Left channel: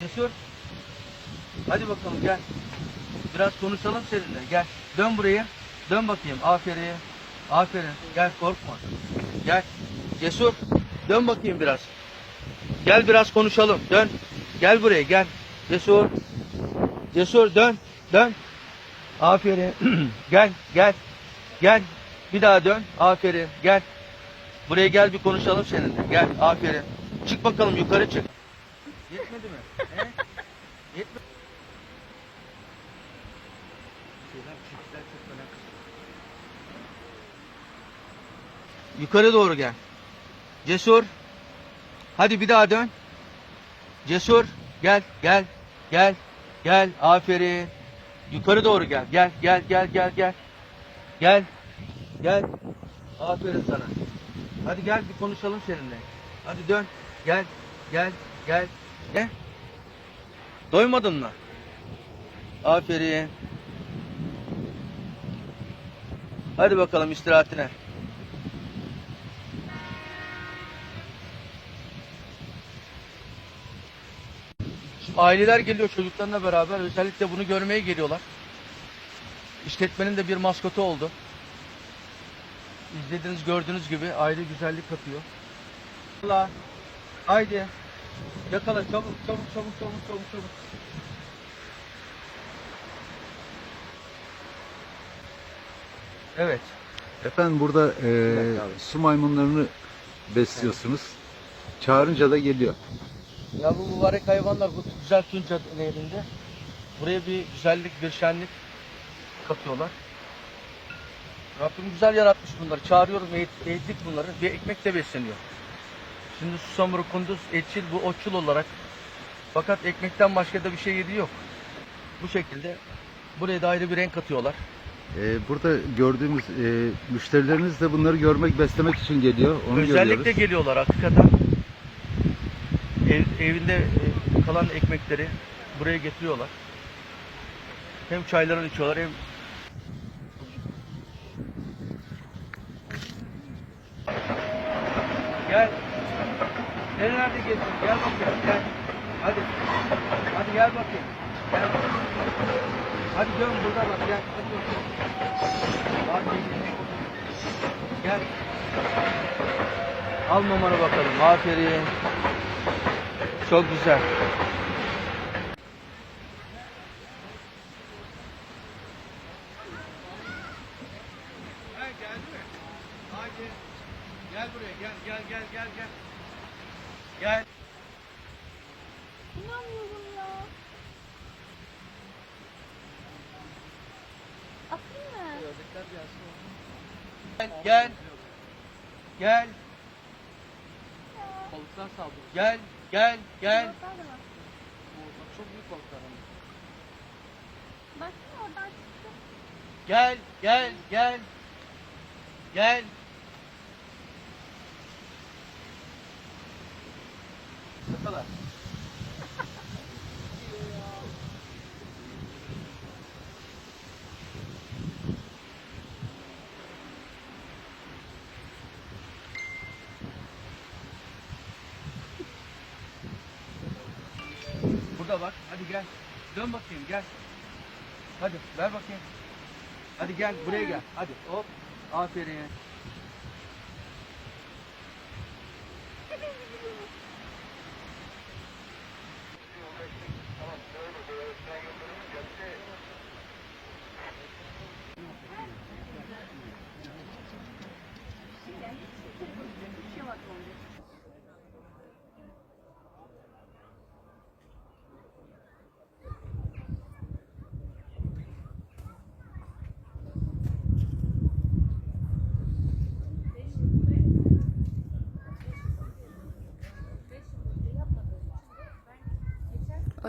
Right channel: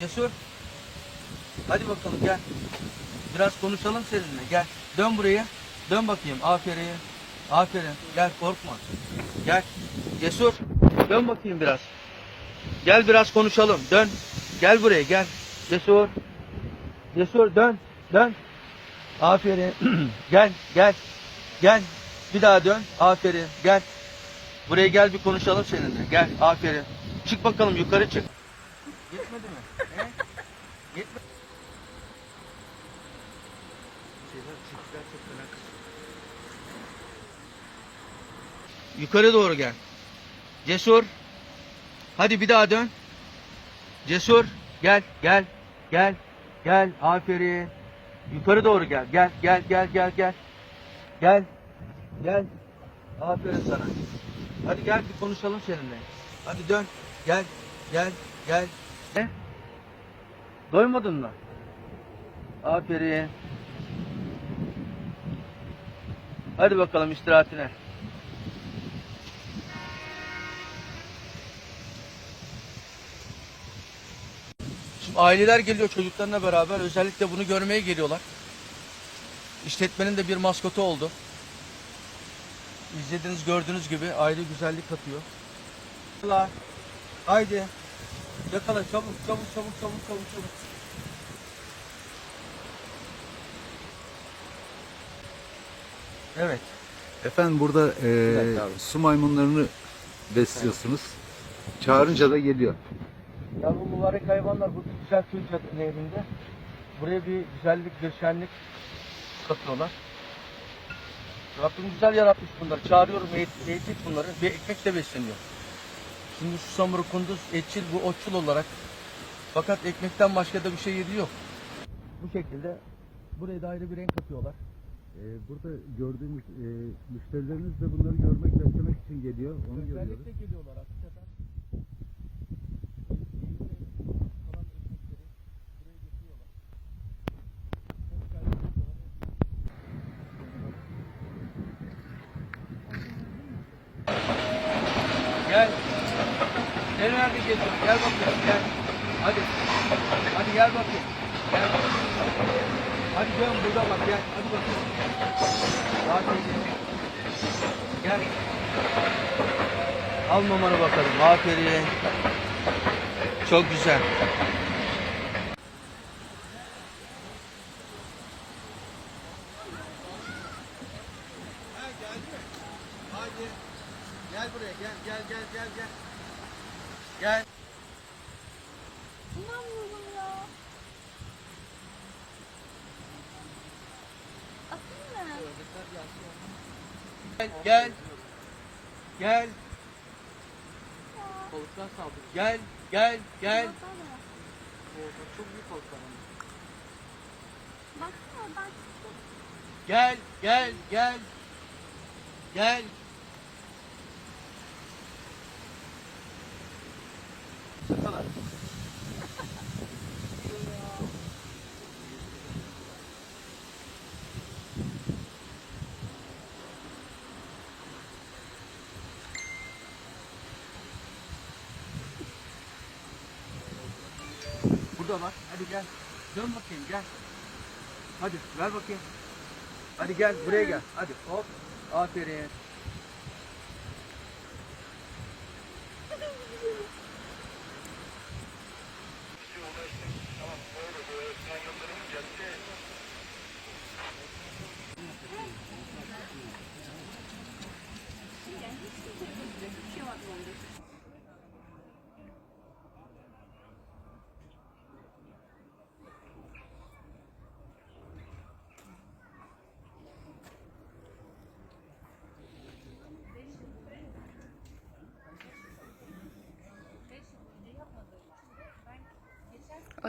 Cesur. Hadi bakalım gel. Biraz konuşalım seninle. Gel. Dön buraya. Dön bakayım. Aferin. Aferin. Gel korkma. Gel. Cesur. Dön bakayım biraz. Gel biraz konuşalım. Dön. Gel buraya gel. Cesur. Cesur dön. Dön. Aferin. gel gel. Gel. Bir daha dön. Aferin. Gel. Buraya gel bir konuşalım seninle. Gel. Aferin. Çık bakalım yukarı çık. Yetmedi mi? Şeyler, çiftler çok fena kızıyor. Yukarı doğru gel. Cesur. Hadi bir daha dön. Cesur. Gel, gel, gel, gel. Aferin. Yukarı doğru gel. Gel, gel, gel, gel, gel. Gel. Gel. Aferin sana. Hadi gel bir konuşalım seninle. Hadi dön. Gel, gel, gel. Ne? Doymadın mı? Aferin. Hadi bakalım istirahatine. Şimdi aileler geliyor çocuklarına beraber. Özellikle bunu görmeye geliyorlar. İşletmenin de bir maskotu oldu. İzlediğiniz gördüğünüz gibi aile güzellik katıyor. Allah. Haydi. Yakala çabuk çabuk çabuk çabuk çabuk çabuk. Evet. Efendim burada e, su maymunlarını besliyorsunuz. Çağırınca da geliyor. Ya bu mübarek hayvanlar bu güzel Tunca nehrinde. Buraya bir güzellik, bir şenlik katıyorlar. Rabbim güzel yaratmış bunları. Çağırıyorum, eğit- eğittik bunları. Bir ekmek de besleniyor. Şimdi susamuru, kunduz, etçil, bu otçul olarak. Fakat ekmekten başka da bir şey yediği yok. Bu şekilde buraya da ayrı bir renk katıyorlar. E, burada gördüğümüz e, müşterileriniz de bunları görmek, beslemek için geliyor. Onu Özellikle görüyoruz. geliyorlar hakikaten. Ev, evinde e, kalan ekmekleri buraya getiriyorlar. Hem çaylarını içiyorlar hem Gel. Gel nerede geziyorsun? Gel bakayım gel. Hadi. Hadi gel bakayım. Gel. Hadi dön burada bak gel. Hadi bakayım. Bak gel. Al mamanı bakalım. Aferin. Çok güzel. Haydi. Gel buraya gel gel gel gel gel. Gel. Gel gel. Gel. Balıklar saldırıyor. Gel gel gel. Çok büyük balıklar ama. Baksana bak. Gel gel gel. Gel. Burada bak. Hadi gel. Dön bakayım gel. Hadi gel bakayım. Hadi gel buraya gel. Hadi hop. Aferin.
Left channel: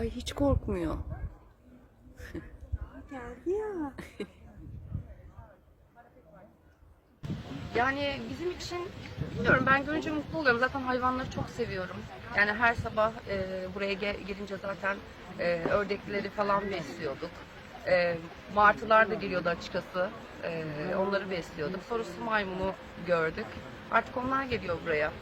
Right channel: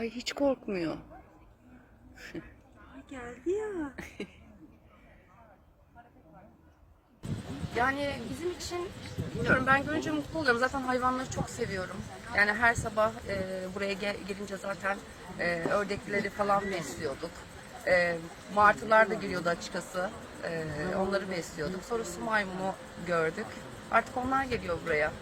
Ay hiç korkmuyor. Geldi ya. Yani bizim için bilmiyorum ben görünce mutlu oluyorum. Zaten hayvanları çok seviyorum. Yani her sabah e, buraya ge- gelince zaten e, ördekleri falan besliyorduk. E, martılar da geliyordu açıkçası. E, onları besliyorduk. Sonra su maymunu gördük. Artık onlar geliyor buraya.